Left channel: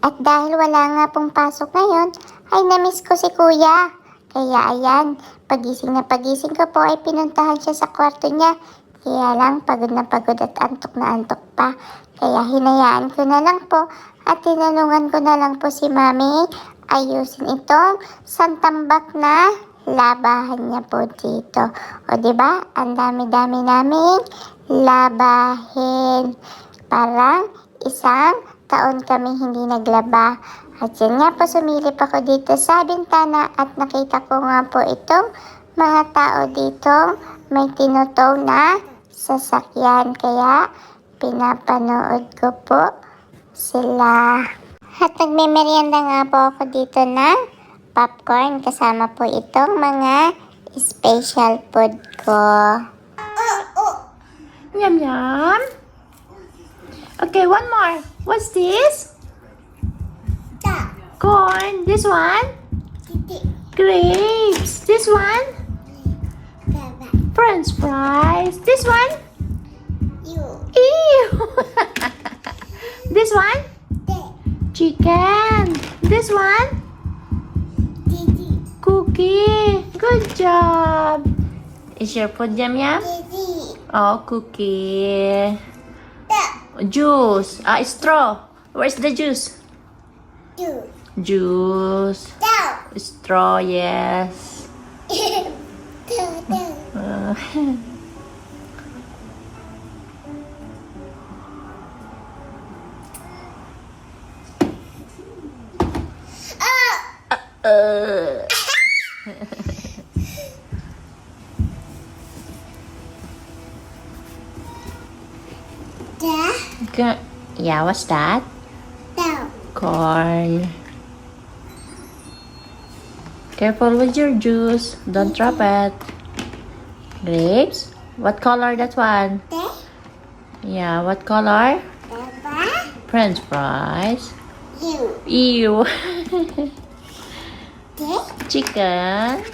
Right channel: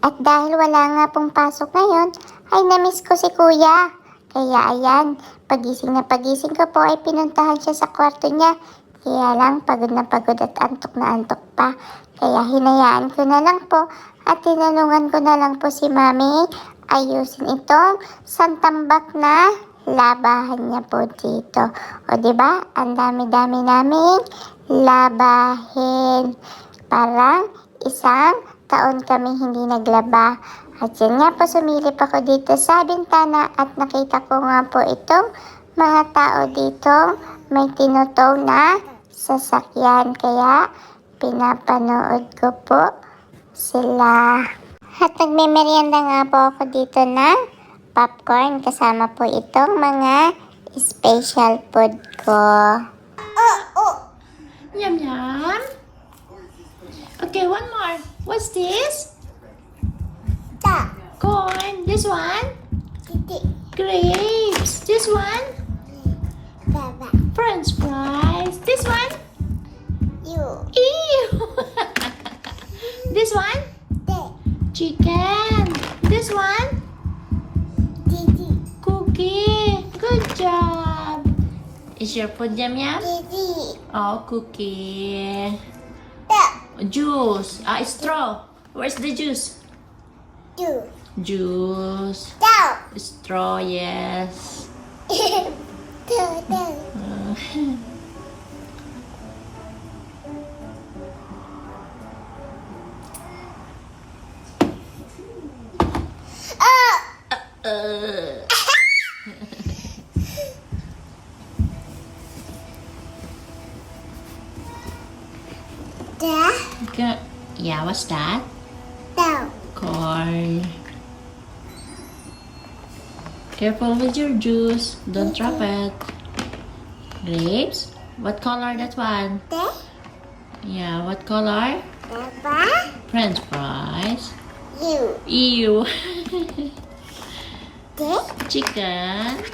At dahil wala nga pong pasok ngayon, ay namiss ko si kuya. Kaya ayan, pagising ko po ay pinuntahan siya sa kwarto niya. Kaya lang pagod na antok na antok pa. Kaya hinayaan ko na lang po at tinanungan ko na lang po si mami ayusin itong santambak na labahan niya po dito. O diba, ang dami-dami naming labahin. Parang isang taon kami hindi naglaba. At yan nga po, sumilip ako dito sa bintana at nakita ko nga po itong mga tao dito may tinutow na sasakyan. Kaya pinapanood ko po sila. At nagme-merienda nga po ako dito ng popcorn kasama po itong mga special food ko. Yum yum. Okay, one more. What's this? Corn. This one? Grapes. This one? French fries. This one? Ew. This one? Chicken. This one? Cookie. Good job. Is your food yum yum? Oh, cookie. Juice. Straw. Where's the juice? Juice. Straw, yes. Yeah, what's that? Corn. Careful with your juice. Don't drop it. Grapes? What color that one? Yeah, what color? French fries. Ew. Chicken.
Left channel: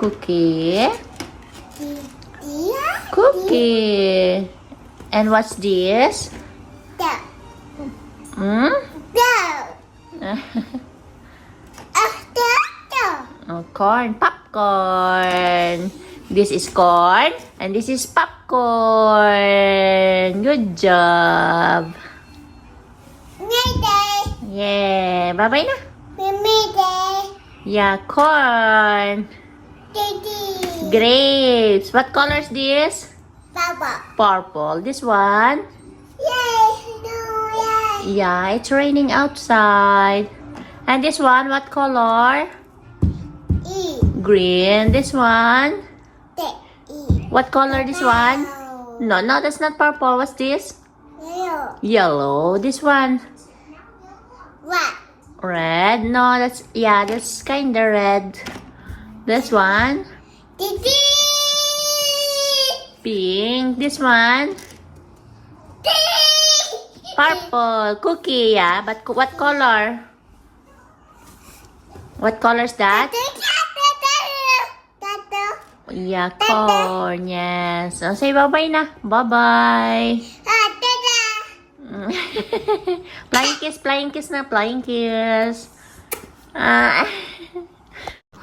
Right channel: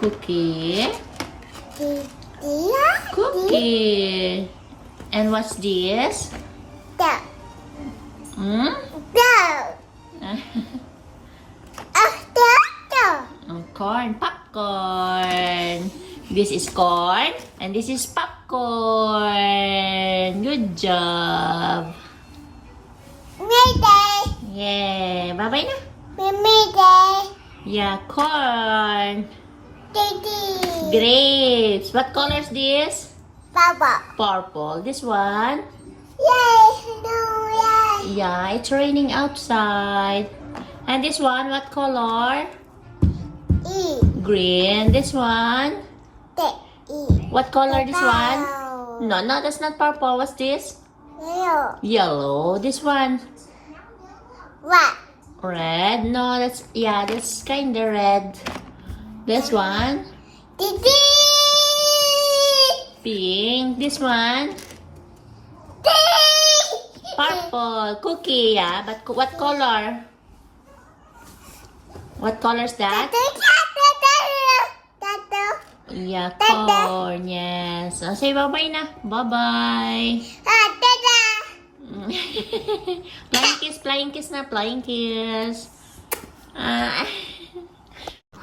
Cookie. Cookie. And what's this? Hmm? Oh, corn. Popcorn. This is corn. And this is popcorn. Good job. Yeah. Bye-bye na. Yeah, corn. Grapes. What color is this? Purple. This one? Yeah, it's raining outside. And this one, what color? Green. This one? What color this one? No, that's not purple. What's this? Yellow. This one? Red. No, that's kinda red. This one? Pink. This one? Purple. Cookie, yeah. But what color? What color is that? Yeah, corn. Yes. Oh, say bye-bye na. Bye-bye. Flying kiss na. Flying kiss.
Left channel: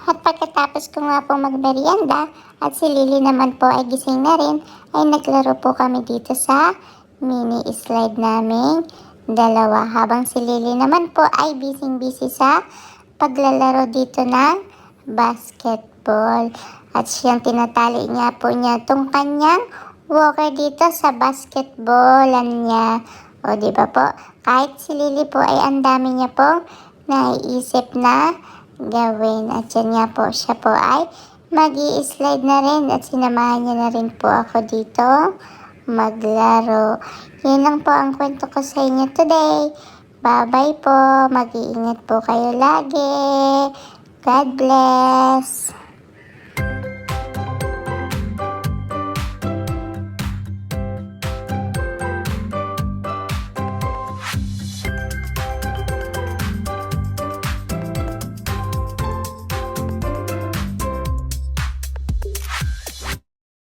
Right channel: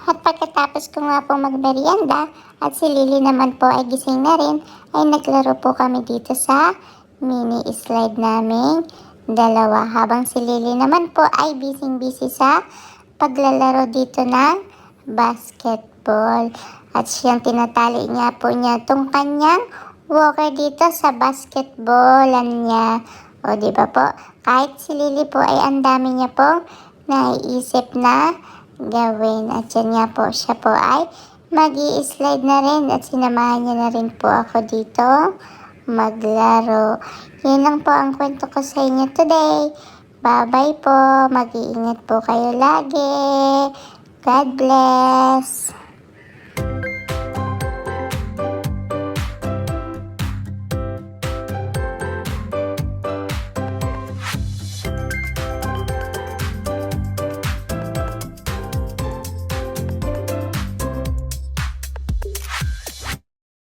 At pagkatapos ko nga pong magmerienda at si Lily naman po ay gising na rin, ay naglaro po kami dito sa mini slide namin dalawa. Habang si Lily naman po ay busy sa paglalaro dito ng basketball. At siyang tinatali niya po itong kanyang walker dito sa basketballan niya. O diba po, kahit si Lily po ay ang dami niya pong naiisip na gawin. At yan nga po, siya po ay mag-i-slide na rin at sinamahan niya na rin po ako dito maglaro. Yan lang po ang kwento ko sa inyo today. Bye-bye po. Mag-iingat po kayo lagi. God bless.